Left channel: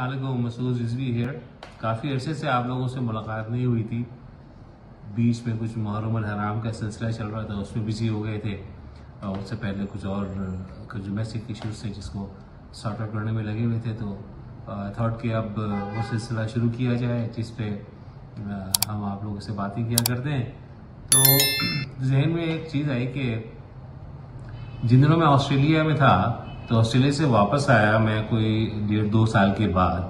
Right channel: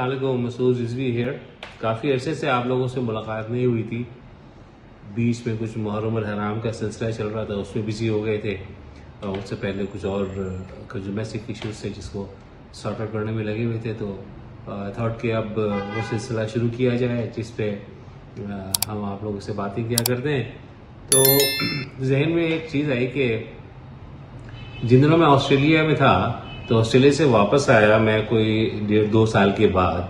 السلام علیکم، مسعود رضوی ہیئر. کافی عرصے سے آپ لوگوں سے ملاقات نہیں ہوئی تھی. بیچ میں کچھ محرم الحرام کا سلسلہ چل رہا تھا، اس میں بزی ہو گئے تھے. اور اس سے پہلے کچھ اور ڈومیسٹک ایشوز تھے جس کو سارٹ آؤٹ کرنے میں لگے ہوئے تھے. تو تھاٹ کہ اب وہ سلسلہ شروع کیا جائے جس پہ ہم آپ لوگوں سے باتیں کیا کرتے ہیں. تو ذہن میں ایک چیز آئی کہ جن دنوں میں آسٹریلیا میں تھا تو آسٹریلیا سے واپس آیا میں کوئی 1.5-2 سال کے بعد،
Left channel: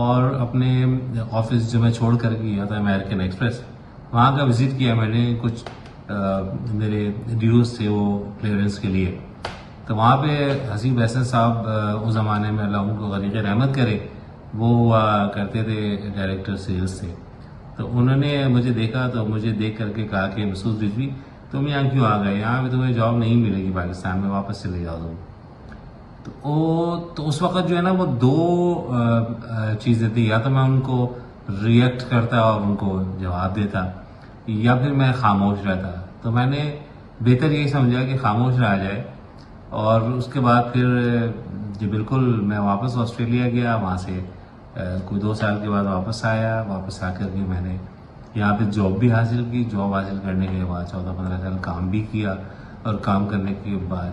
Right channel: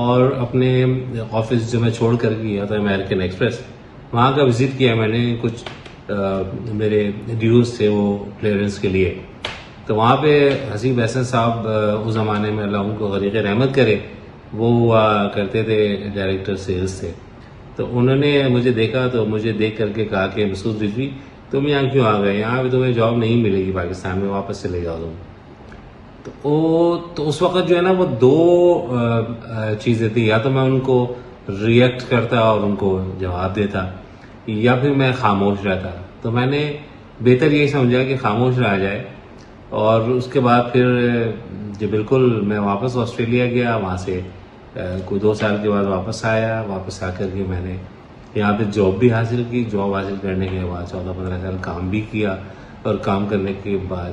اور اپنے آفس جو میں چھوڑ کر گیا تھا امریکن ایکسپریس، وہاں کا وزٹ کیا میں نے. کچھ میرے ڈیوز تھے وہ کلیئرنس کے لیے. تو وہاں پہ حسیب احسن صاحب اس زمانے میں اللہ ان کو غریق رحمت کرے، وہ ہوا کرتے تھے ڈائریکٹر سیلز تھے. تو انہوں نے مجھے دیکھا تو مجھے دیکھ کر کے کہا کہ مسعود رضوی تم یہاں کیوں آ گئے، یہاں پہ تمہیں جاب نہیں ملے گی پاکستان میں، واپس چلے جاؤ تم. تو اس وقت جو ہے نا وہ دو چیزیں تھیں، یا تو میں ان کو ریئیکٹ کرتا اور ان کو جواب دیتا، یا پھر میں خاموش رہتا. تو میں نے بہتر یہی سمجھا کہ خاموش رہا جائے. اور اس کے بعد پھر جو بالکل میں واپس آسٹریلیا گیا، وہاں سے کوئی 2 سال کے بعد واپس آیا. واپس آ کر کے میں نے یہاں پہ جاب بھی حاصل کی. جاب حاصل کرنے کے بعد 14-15 سال کام بھی کیا، اور کام کرنے کے بعد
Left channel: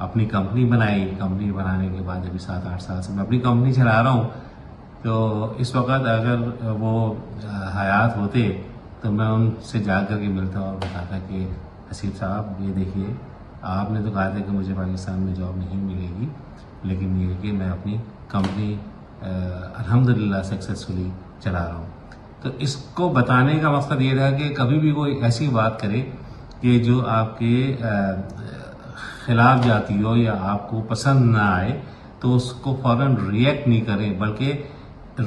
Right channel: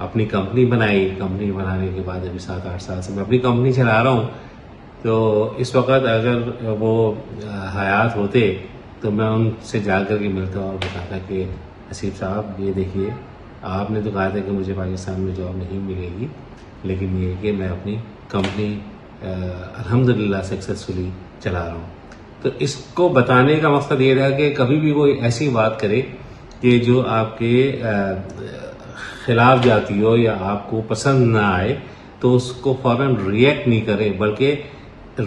اپنی کمپنی بنائی. کمپنی بنانے کے بعد ابھی 7-8 سال سے میں اپنی کمپنی چلا رہا ہوں. تو اس وقت اگر وہ حیات ہوتے تو میں ان سے جا کر کے ملتا اور بتاتا کہ حسیب صاحب یہ دیکھیے، آپ نے تو کہا تھا کہ مجھے پاکستان میں جاب نہیں ملے گی، لیکن یہ کہ میں اپنی کمپنی الحمدللہ سکسیسفلی چلا رہا ہوں. تو اس کو بتانے کا مقصد یہ تھا کہ کبھی بھی کوئی ایسی بات کرے کہ جو آپ کے خلاف جاتی ہو یا آپ کو پسند نہ آئے، تو اس کو فوراً ریئیکٹ نہیں کریں بلکہ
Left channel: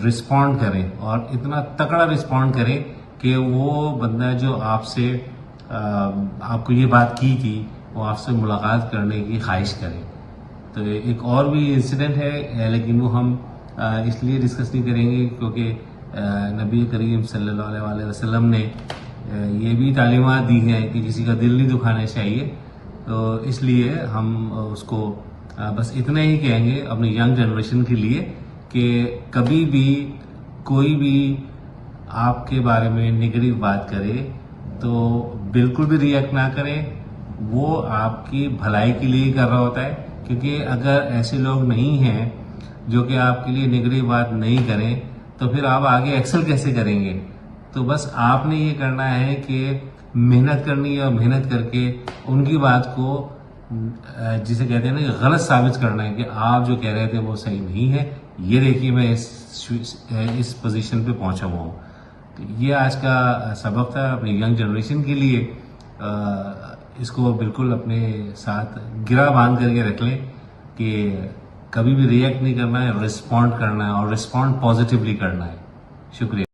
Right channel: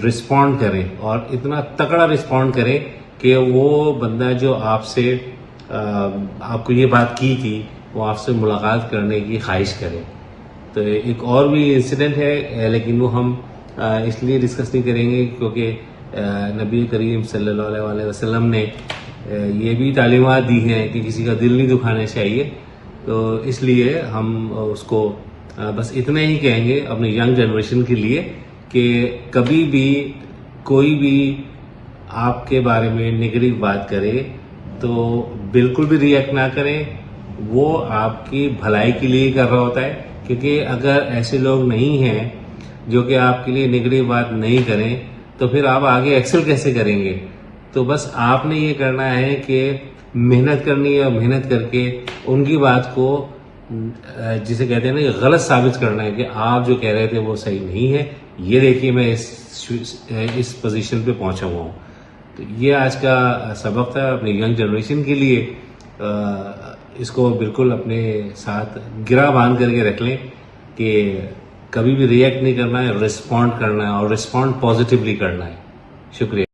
رسپونڈ کریں. اور اتنا تکڑا رسپونڈ کریں کہ وہ بندہ جو آپ سے آپ کو یہ بات کی تھی وہ آپ سے ملاقات کرنے کی خواہش کرے. تو ایک اور بھی انسیڈنٹ ہے، لیکن وہ ہم اس لیے ڈسکس نہیں کریں گے کیونکہ نبی کریم صلی اللہ علیہ وسلم نے یہ بھی تعلیمات دی ہیں کہ کسی کا دل نہیں دکھانا چاہیے. تو اس لیے ہم اس کو بس اتنا ہی کہیں گے اپنی ینگ جنریشن کے لیے کہ کبھی بھی کوئی بھی آپ کے بارے میں نگیٹو بات کرے تو بالکل بھی ریئیکٹ نہ کریں. وہ آپ کی بھلائی کے لیے کر رہا ہوتا ہے، کیونکہ اگر ایسے لوگ نہیں ہیں جو کہ آپ کے لیے نگیٹو بات نہیں کریں تو پھر آپ آگے ایکسل کیسے کریں گے. تو بس آپ نے یہ کرنا ہے کہ محنت کرنی ہے، اور محنت کر کے ان کی بات کو جسے کہتے ہیں نا کہ غلط ثابت کرنا ہے کہ آپ جو کہہ رہے تھے وہ صحیح نہیں ہے، یہ دیکھیے میں اس پوزیشن پہ پہنچا ہوا ہوں. تو یہ آج کا سبق تھا اپنی ینگ جنریشن کے لیے. اس کو بالکل اپنے ساتھ گرا باندھ کر کے رکھ لیں کہ کبھی بھی ریئیکٹ نہیں کرنا ہے، رسپونڈ کرنا ہے، اور رسپونڈ پازیٹیولی کرنا ہے. شکریہ.